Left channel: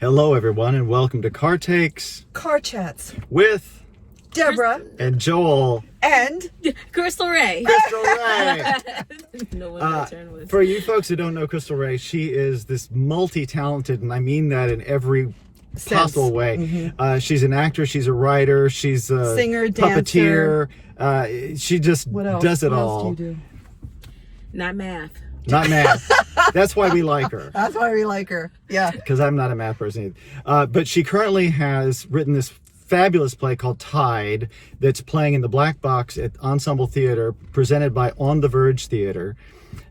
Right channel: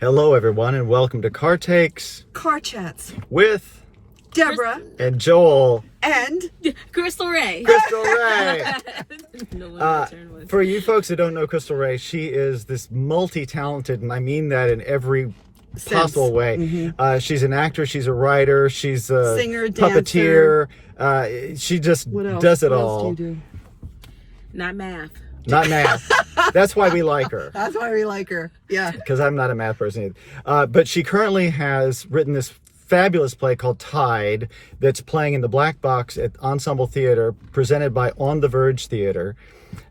Hello, everyone, and welcome to Car Takes Car Chats with Deborah and Joel and Crystal Rae. Crystal Rae. No one my turn was. For you folks who don't know Crystal Rae, she is this multi-talented, and I mean that in every possible way. Mm-hmm. She's an actor, she's a writer, she's a singer, puppeteer. She just does it what all. else do you do? Not math. Not math. That's why we like her. That's why we like her. Yeah. Because I'm not a math person either. But she currently has written this fabulous play called Tide that's playing in the Black Box at Ensemble Theatre, presented by On The Verge Theatre.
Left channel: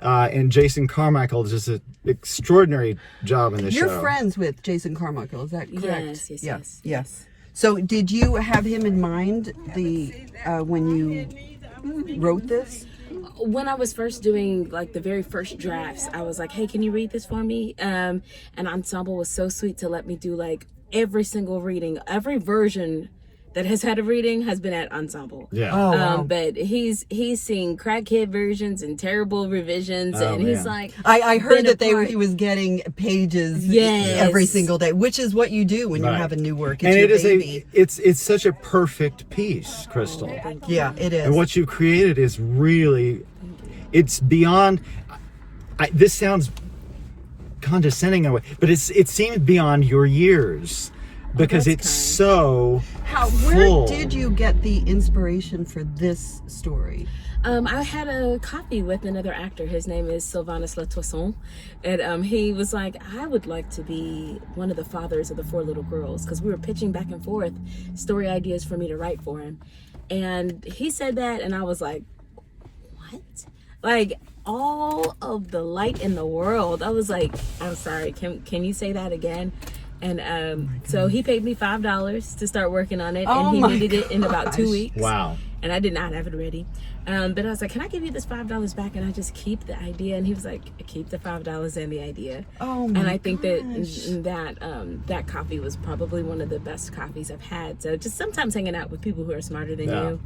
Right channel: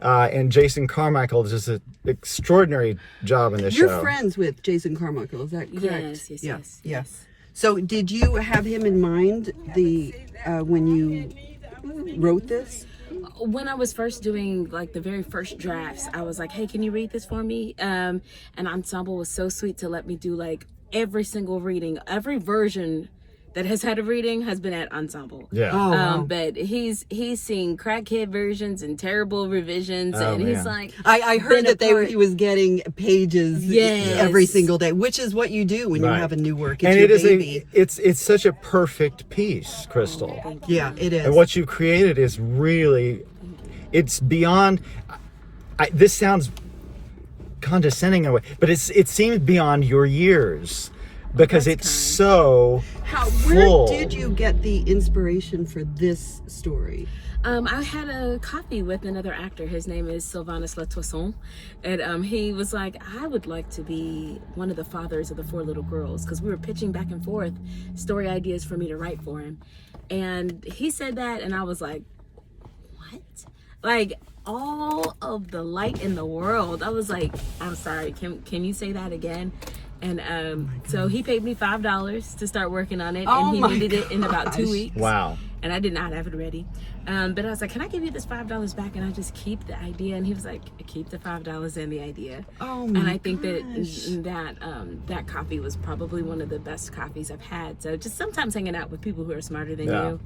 And Jason Carmichael does an extraordinary job in this show. You're friends with Jason Carmichael, is that correct? Yes. So did you have him in mind when you wrote this? When I was first doing like the very first drafts, I was like, hey, can you read this for me? And Ensemble was so sweet to let me do like every single reading. Every version that has had a reading has been at Ensemble. Yeah. Oh, wow. But he's seen crackhead versions and terrible revisions, and he's like, I heard that he was getting pages every single day, which is what you do when you have a new work. It's your baby. It's such a perfect piece, Crystal. Thank you. Yeah, it is. And what you created is really, it's beyond. This sounds condescending in a way, but it seems beyond your years. Because it's so full. Where did you get the inspiration for this story? I had a coffee with another actor. His name is Sylvanus Latoisson. And he was like, I would like to be one of the fathers of the 4 little girls. Because we were pitching back and forth story ideas for me to write for him. And he said that, and I was like, what? Like, all of the light in the world. I was like, I'm sorry, can you say that again? And so he paid me $5 to start working on it, and he needed it in about 2 weeks. Wow. And I did not have it ready. But I was like, can I give you this $5 back and I just keep the idea? And he was like, keep the $5 and the idea. Oh my And I think that coffee was probably one of the best coffees I've had. So just sometimes hanging out with people who are smarter than you.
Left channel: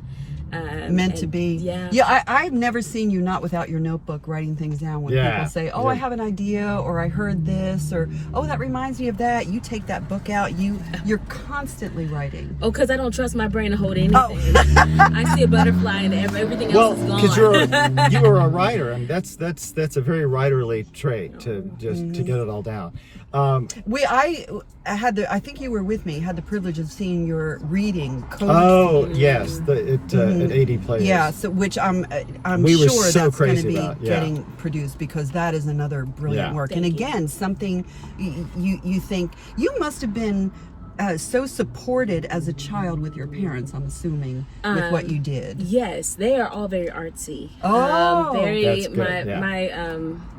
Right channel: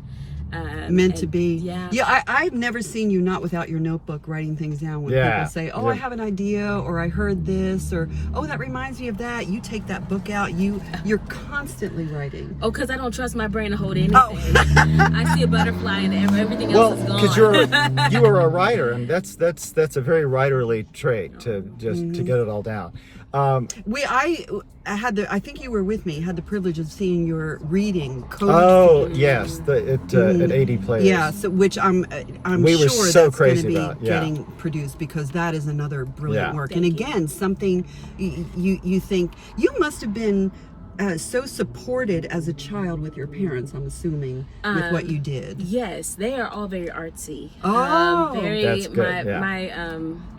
Meant to be. Yeah. I've never seen you not without your notebook writing things down when people say, I have an idea, or I heard this, or that reminds me of that. You take that book out, you're constantly writing. Oh, because I don't trust my brain to hold anything. I see a butterfly and everything else is gone. Because you were a writer, and that's a very writerly trait to get it all down. I think you were with me, had the privilege of seeing your reading code. Oh, yes, at AD Players. Yeah, so which I'm we sure so that's going to be about, getting produced, because that is another brilliant work. Thank and you. Again, something you think you must have been so supported as a child with your parents, I'm assuming, with what you did. Yes, they are all very artsy. Oh, very. that's good,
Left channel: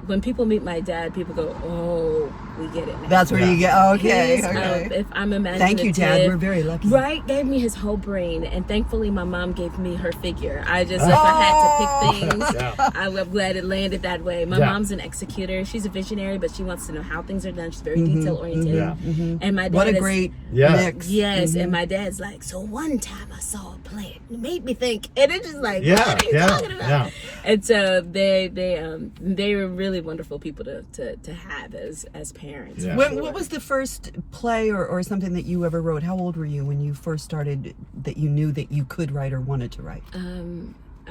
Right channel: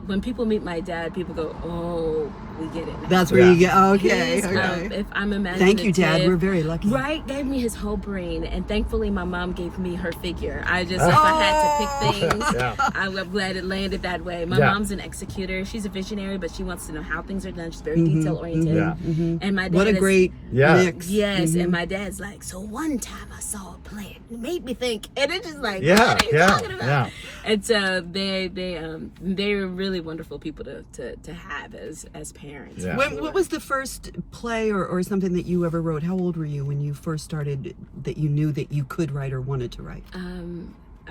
When people meet my dad, people go, "Oh, we get it now." That's where you get. Okay. If I'm imaginative. Thank you, Dad. We're very lucky. Right, gave me his whole brain, and thankfully, my mom gave me her figure. I just, if I had to pick things, I'm glad it landed that way. My mom's an executor. She's a visionary, but she wants to know how things are done. She's very detail oriented. And my dad what a great mix. Yes, and my dad's like, so one time I saw a play, it made me think, and it's just like, what are you talking about? Yeah. And so they're really wonderful people to have as parents. Yeah. What was the first play or something that you ever wrote? How old were you when you first started, that you knew that you could write or wanted to write?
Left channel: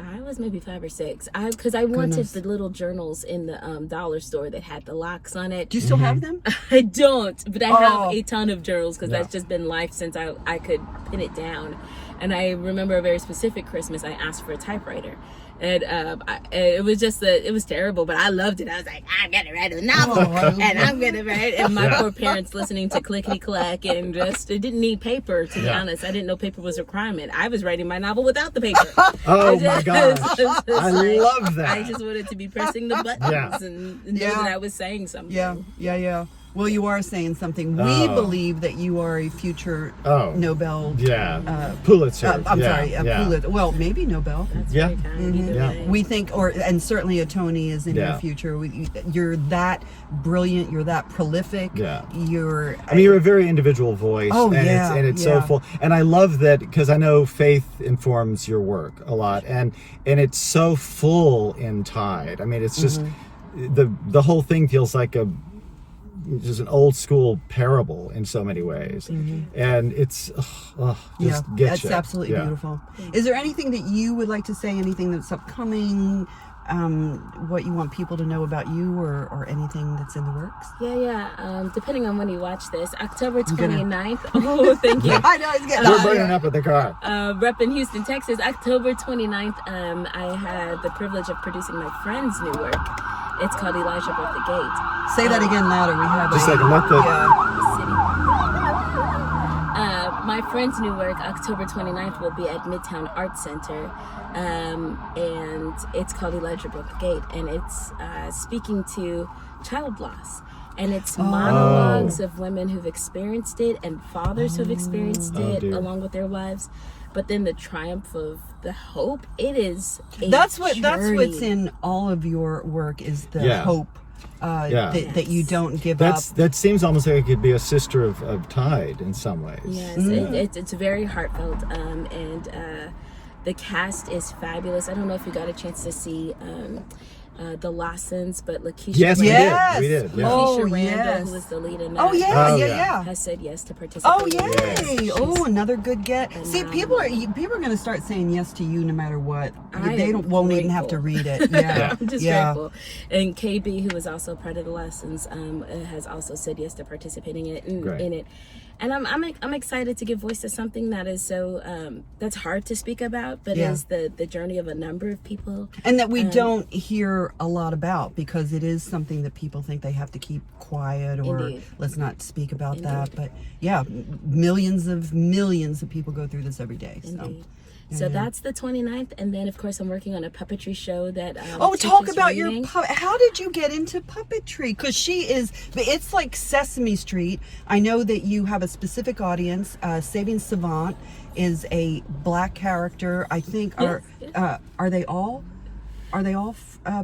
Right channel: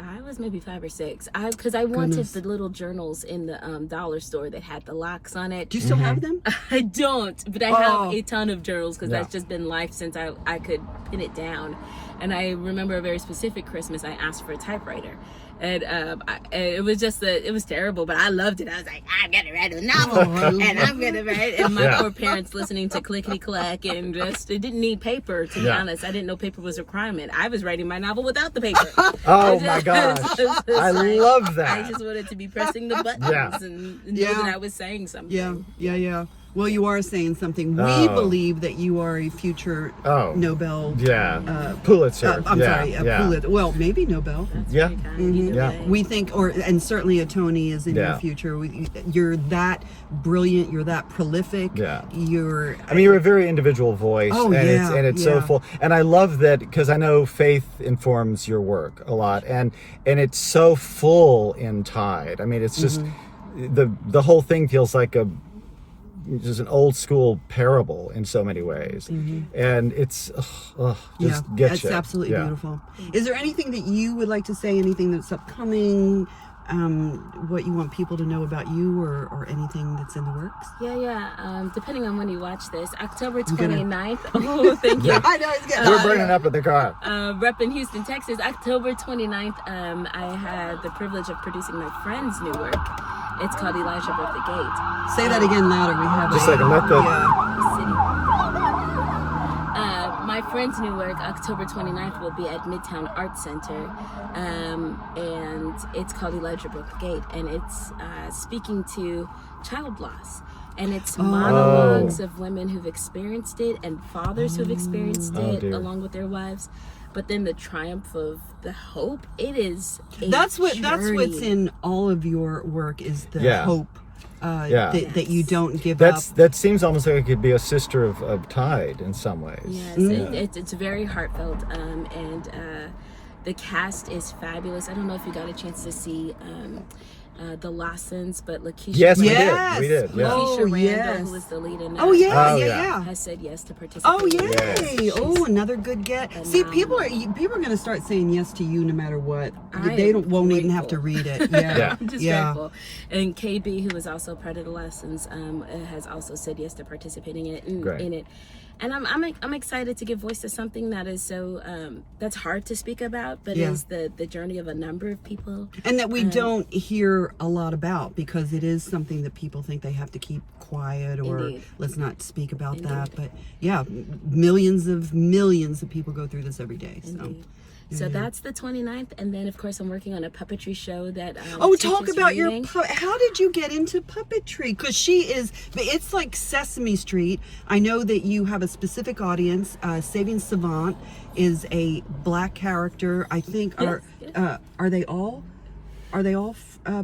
I was maybe 5 or 6. Because I wanted the little journals in the dollar store that had the locks on it. Do you still have them? I don't, but I have a ton of journals, because that's just been life since I could pin it down. And I remember a very specific Christmas, I asked for a typewriter. And it was just it was terrible, but I loved it. I was like, I'm gonna write a novel, and I'm gonna write. And my poor parents listening to clickety clack, and just it didn't need paper. To be honest, I didn't know paper was a requirement. I was writing my novel without the paper. Oh my gosh, I love that. I just wanted to be pressing the buttons and know that I was saying something. Yeah. Well, you are saying something. We believe that you are a future Nobel. Pulitzer. I'm sorry, Pulitzer. Well, maybe Nobel. That's very kind. Either way. We think, and certainly a Tony is in your future. You're that brilliant. You're that prolific. Yeah. You're a very individual voice. It's so full. And I love that, because I know faith informs your work a lot, and it's so full in Tide. I mean, it's just the whole thing feels like just an old school parable in so many ways, and it's just gets you. It's absolutely beautiful. Is there anything that you would like to say? Anything that's upcoming? What you want people to know about you, or anything that's in the works? Depending on when you watch this, October 29th. Oh, thank you. I know it's getting We're burning up in the car. Rep in Houston, Texas, October 29th. I had the privilege of producing my friend's new work. It's called Elijah Broke the Gate. Say that again louder. We have just like a method. My friend's new work, October 29th, will be at Midtown Arts Center. And it's called Elijah Broke the Gate, and it's speaking to child loss, and it's monologues of women who've experienced it and fathers who've experienced it along with their wives, but then the triumph of the hope. It is that's what's in all of your work, is the hope that you don't give up. That seems almost like it could be a sister of Tide in some ways. Yes, it's very heartfelt, and the cast is fabulous. I don't know if you got a chance to see the Lawsons, but Lakeisha we did. Lakeisha Randall, who is the lead in that, has said yes to participate. Oh, yay! Oh, another good get. See, people are going to start saying yes to you no matter what. They won't even have to read it. Yeah, I'm just grateful. And KB, who is also part of the Lawsons, has also said yes to participating in it. And I'm excited to give voice to something that is so that's hard to speak about, but is the journey of a number of people, and that we don't hear a lot about, because it is something that people think they have to keep quiet, or let's not speak about that. But millions of people go through this every day. So that's the 29th, and then of course I'm working on a puppetry show that talk about reading. How did you get into puppetry? Because it's like Sesame Street. I know that you have a specific audience. Saving Savant is a black character. I think are they all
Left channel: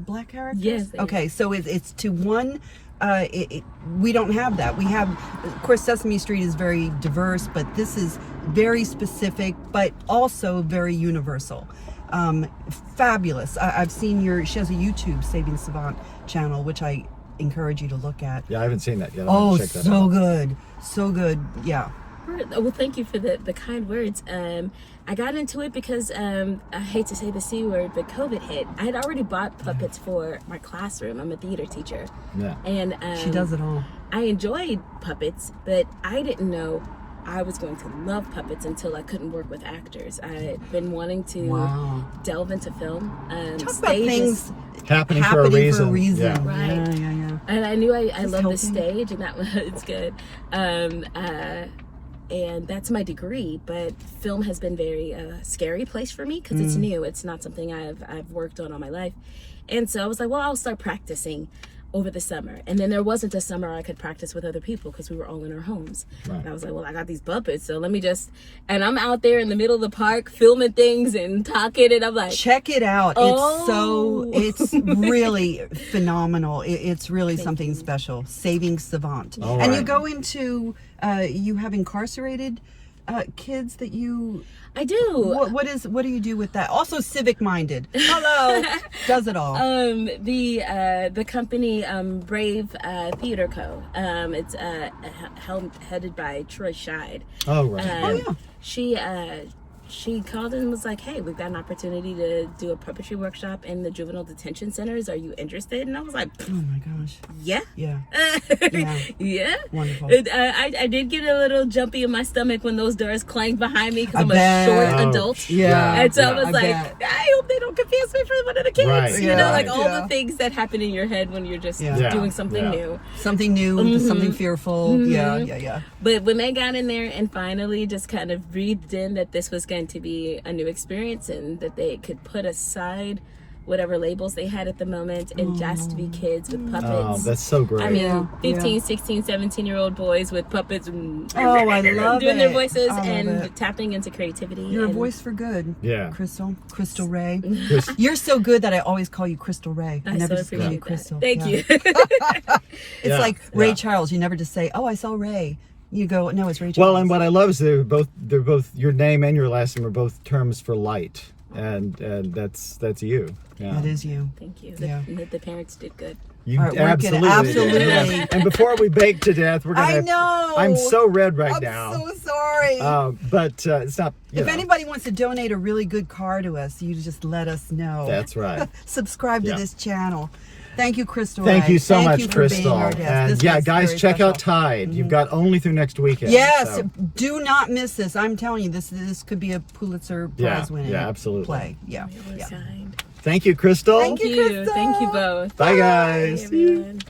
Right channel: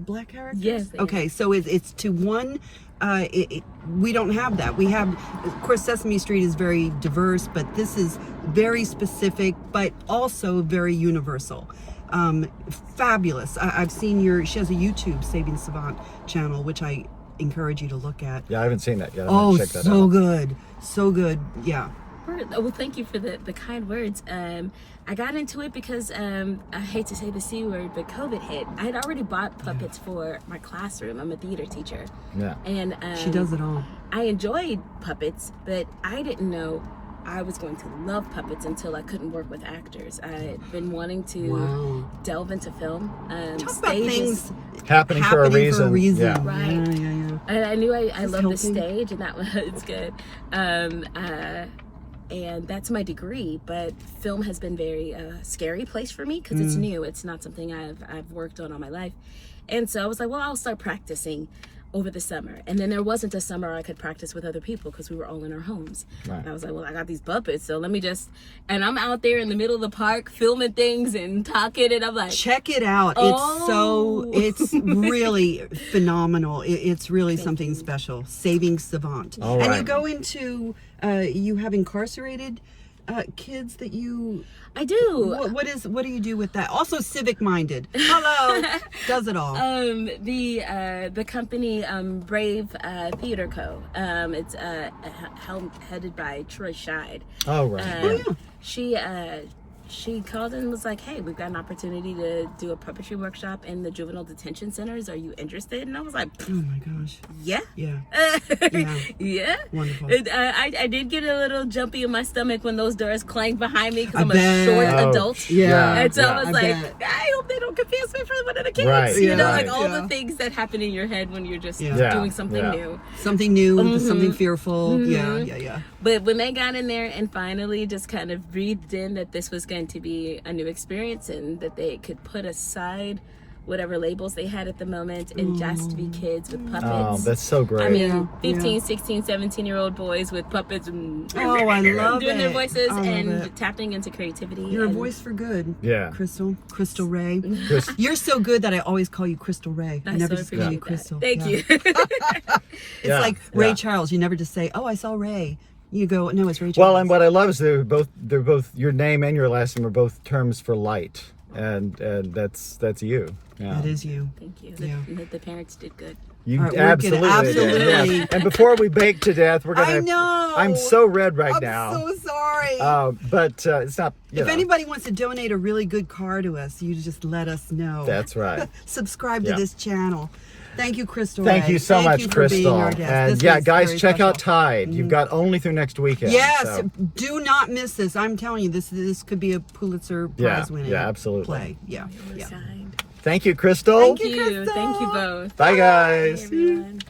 black characters? Yes. Okay, so it's to one. We don't have that. We have, of course, Sesame Street is very diverse, but this is very specific, but also very universal. Fabulous. I've seen she has a YouTube Saving Savant channel, which I encourage you to look at. Yeah, I haven't seen that yet. Check that out. Good. So good. Yeah. Well, thank you for the kind words. I got into it because I hate to say the C word, but COVID hit. I had already bought puppets for my classroom. I'm a theater teacher. Yeah. And she does it all. I enjoyed puppets, but I didn't know I was going to love puppets until I couldn't work with actors. I had been wanting to delve into film. Talk about things happening for a reason. Yeah. Right. Yeah. And I knew I loved the stage, and that was good. And that's my degree, but film has been very scary place for me, because it's new. It's not something I've worked on all my life. And so I was like, well, I'll start practicing over the summer. And then there wasn't a summer I could practice with other people, because we were all in our homes. Right. And I was like, well, I got these puppets, so let me and I'm out there in the middle of the park filming things and talking, and I'm like, check it out. It's really phenomenal. It's really something special. Saving Savant. And you go into you have incarcerated kids that you... I do. What do you do with that? Also civic minded. Hello. Does it all. The company Brave Theater Co. It's headed by Troy Scheid. Oh right. She called and was like, hey, we've got an opportunity to do a puppetry workshop in the juvenile detention centers. Are you interested? And I was like, oh my gosh. Yeah. Wonderful. I did get a little jumpy in my stomach when those doors clanged behind me, because I'm a short adult. And so I was like, I hope they don't confuse me for one of the kids. Right. You know, like all the things that happen in your head when you're just doing something new. Something new, something fearful. Yeah. But when they got in there and finally just kind of breathed in that this was going to be a new experience, and that they could put aside whatever labels they had at the moment and just be kids with puppets. Oh, that's so great. I mean, 15, 16, 17-year-old boys with puppets and I love doing their voices and tapping into creativity. You're a voice for good. Yeah. Crystal Rae. You're so good that I always call you Crystal Rae. I never just call you Crystal. Thank you. It's like Ray Charles. You never just say, oh, I saw Ray. You go, no, it's Ray Charles. Well, and what I love is they're both your name and your last name are both terms for light. and that's you. Yeah. That is you. Thank you. Yeah. The parents did good. You All right, we're gonna- absolutely. absolutely. And before we bake to death, we're gonna. I know. I'm so red right I'm now. so sorry. But it's not. If anybody wants to donate a really good car to us, you just let us know. That's right. Subscribe to Yeah. this channel. Thank you, Crystal Thank Rae. you so much, you for Crystal. being our guest. And This yeah, was guys, very check out special. Tide. You've got only through next weekend. Yes, so. do not miss this. I'm telling you, this could be a Pulitzer Prize winning absolutely. play. Yeah. It was kind. Thank you, Crystal. Thank Thank you, you. Crystal. Thank you both. Bye, guys. Bye, everyone.